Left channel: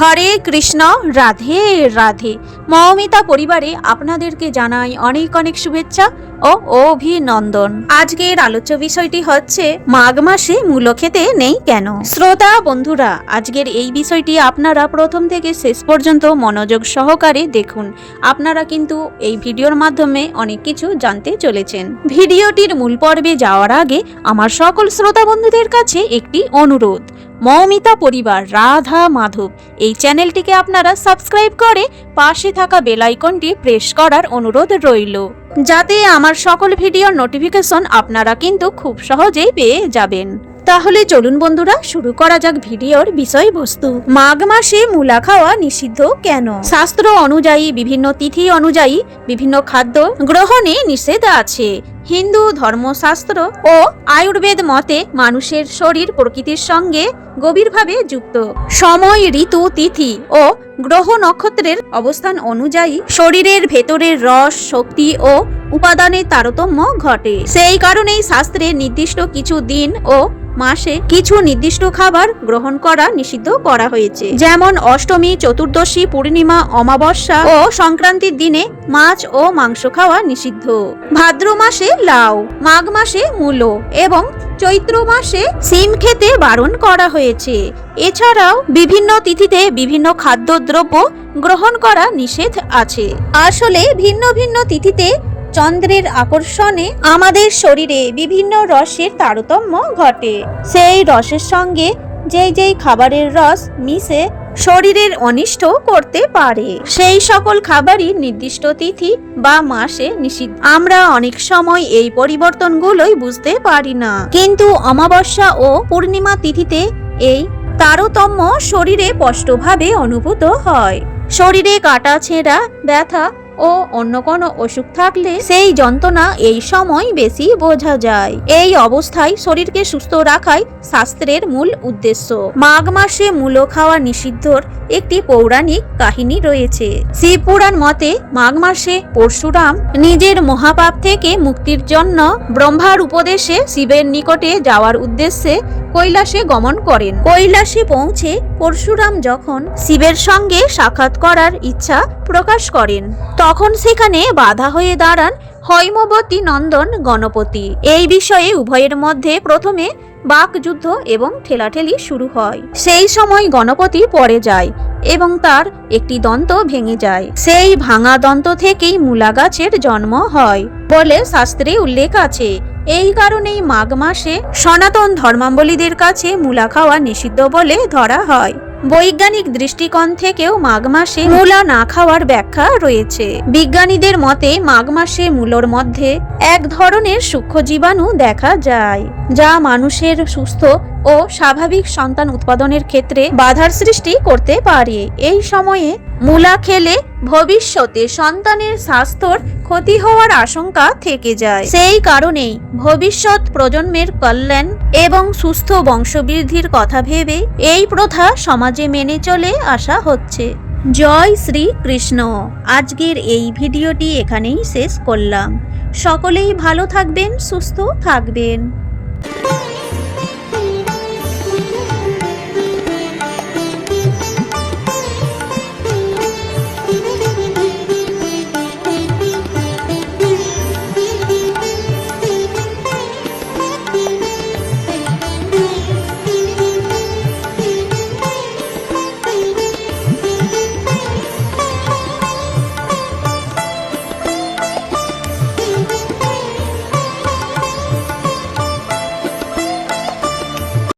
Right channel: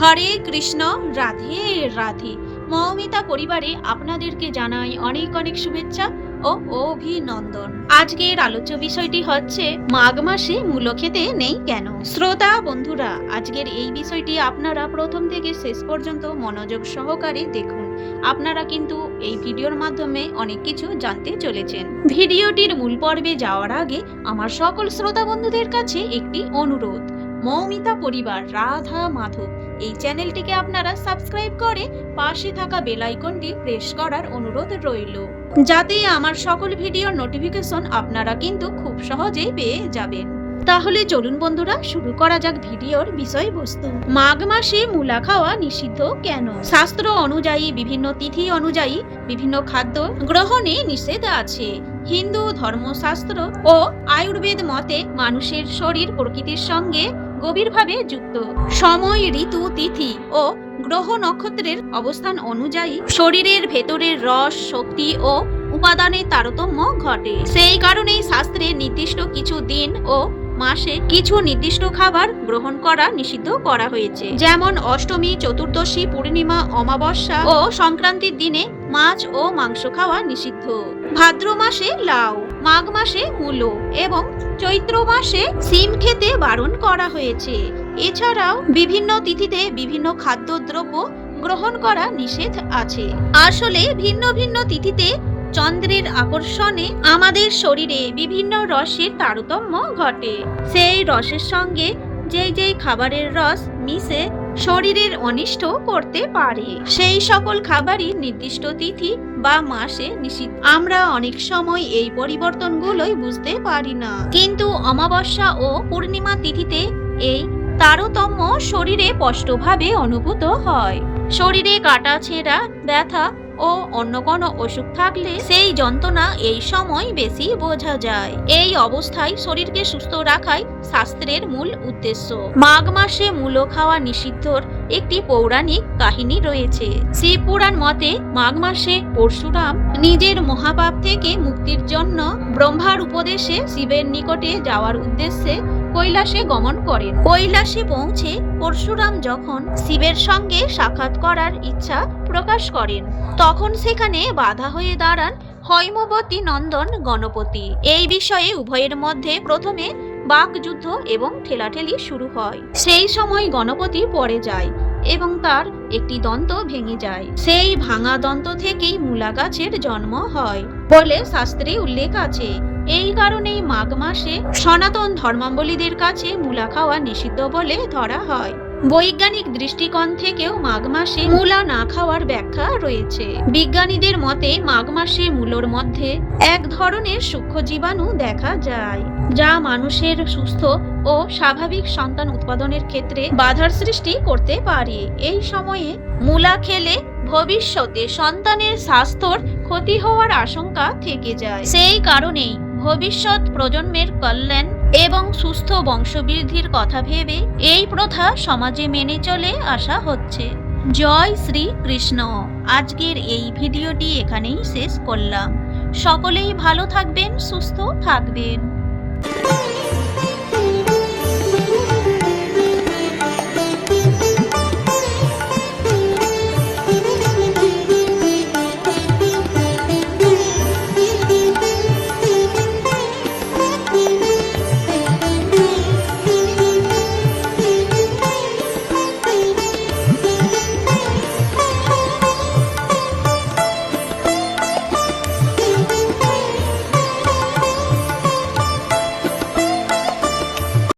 হরে কৃষ্ণ, রাধে রাধে। মৌমিতা পরিবারে আপনাদেরকে জানাই অনেক অনেক শুভেচ্ছা ও অভিনন্দন। আজকের আলোচ্য বিষয়টি হচ্ছে, মাঘ মাসে মূলো খেতে নেই কেন? শ্রোতা, বন্ধুরা, আজকের এই বিষয়টি আপনারা প্রথম থেকে শেষ পর্যন্ত মনোযোগ সহকারে দেখুন। আপনারা কিন্তু এই ভিডিওর মাধ্যমে অনেক কিছু জানতে চলেছেন। ভিডিওটির মূল পর্বে যাওয়ার আগে আমার সকল শ্রোতা বন্ধুদের কাছে একটি অনুরোধ। মৌমিতা পরিবার রাধা মাধব। এই চ্যানেলটিকে আপনারা সাবস্ক্রাইব করে পাশে থাকা বেল আইকনটি প্রেস করার অনুরোধ রইল। যাতে আমার সকল ভিডিওর নোটিফিকেশন আপনারা কিন্তু খুব সহজেই পেয়ে যাবেন। তাহলে চলুন বন্ধুরা, শুরু করা যাক ভিডিওর বিষয়বস্তু। মাঘ মাসে মূলা খাওয়া নিষিদ্ধ কেন? শাস্ত্র অনুযায়ী, বিভিন্ন তিথি অনুযায়ী, বিভিন্ন খাদ্য গ্রহণে নিষেধ আছে। হিন্দু ধর্মশাস্ত্র ও আয়ুর্বেদ মতে মানুষের শরীর প্রকৃতির সঙ্গে গভীরভাবে যুক্ত। সময়, ঋতু, তিথি ও গ্রহ নক্ষত্রের অবস্থান অনুযায়ী শরীরের ভেতরের রস, শক্তি ও উপাদানের তারতম্য ঘটে। সেই কারণেই শাস্ত্রে নির্দিষ্ট কিছু দিন ও মাসে কিছু নির্দিষ্ট খাবার গ্রহণ করা নিষিদ্ধ করা হয়েছে। যেমন অষ্টমী, চতুর্দশী, পূর্ণিমা, অমাবস্যা ও সংক্রান্তির দিনে মাছ ও মাংস খাওয়া নিষিদ্ধ। ভাদ্র মাসে লাউ, মাঘ মাসে মূলো এবং চৈত্র মাসে সিম খেতে বারণ করা হয়েছে। এছাড়াও বিভিন্ন তিথিতে বিভিন্ন খাদ্যদ্রব্য গ্রহণ করা নিষেধ আছে। আসলে ভিন্ন ভিন্ন তিথিতে চন্দ্রের আকর্ষণে আমাদের শরীরে বিভিন্ন রসের তারতম্য ঘটে। সেই রসের সঙ্গে যেই যেই খাবারের রস মিশে শরীরের অনিষ্ট করতে পারে। সেই সকল খাবারই নির্দিষ্ট তিথি বা মাসে নিষিদ্ধ। আমরা অনেক সময় এই পরিবর্তনগুলোই বুঝতে পারি না। কিন্তু অমাবস্যা ও পূর্ণিমা তিথিতে এই তারতম্য শরীরে স্পষ্টভাবে অনুভূত হয়। শরীরে কাটা ছেঁড়া ব্যথা ও অন্য কোনো অসুখ থাকলে সেই যন্ত্রণা এই সময় বেশি বোঝা যায়। এই অবস্থায় শরীরকে সুস্থ রাখাই শাস্ত্রের মূল উদ্দেশ্য। মাঘ মাসে মূলো খাওয়া নিষিদ্ধর একটি পৌরাণিক কাহিনী রয়েছে। শিবপুরাণ মতে মাঘ মাসে পরশুরাম নিজের মহাপাপ থেকে মুক্তির জন্য ব্রহ্মার উপদেশে শিবের নিকটে যাওয়ার উদ্দেশ্যে কৈলাসে গমন করেন। কৈলাসে পৌঁছে পরশুরাম যখন শিবের সঙ্গে সাক্ষাৎ করার ইচ্ছা প্রকাশ করেন, তখন সেখানে বাধা হয়ে দাঁড়ান হৈমবতী নন্দন গণপতি। এই বিষয়ে উভয়ের মধ্যে প্রথমে বাকযুদ্ধ এবং ঠেলাঠেলি শুরু হয়। সেই সময় গণপতি পড়ে যায়। এবং তার একটি দন্ত ভেঙে যায়। সেই ভাঙা দন্ত থেকেই মূলা গাছের জন্ম হয় বলে শাস্ত্রে উল্লেখ আছে। এই কারণেই মাঘ মাসে সনাতন ধর্মাবলীদের কাছে মূলা খাওয়া নিষিদ্ধ বলে ধরা হয়। বৈজ্ঞানিক দৃষ্টিকোণ থেকেও মাঘ মাসে মূলা না খাওয়ার ব্যাখ্যা রয়েছে। বিজ্ঞানীদের মতে, মাঘ মাসে মূলোর মধ্যে এক ধরনের সূক্ষ্ম জীবাণু দেখা যায়, যা মানুষের সুস্থ ও স্বাভাবিক সন্তান উৎপাদনের ক্ষেত্রে বাধার সৃষ্টি করতে পারে। এই সময়ে মূলা খেলে ভবিষ্যতে সন্তানের স্বাস্থ্যর ক্ষতি হওয়ার আশঙ্কা থেকে যায়। সেই কারণেই ভবিষ্যৎ প্রজন্মের কল্যাণ এবং সুস্থ বংশবৃদ্ধির কথা ভেবে এই প্রথা সমাজে মেনে চলে আসা হচ্ছে। জয় শ্রী কৃষ্ণ আজকের এই ভিডিওটি এখানেই শেষ করলাম। সকলেই ভালো থাকবেন, সুস্থ থাকবেন।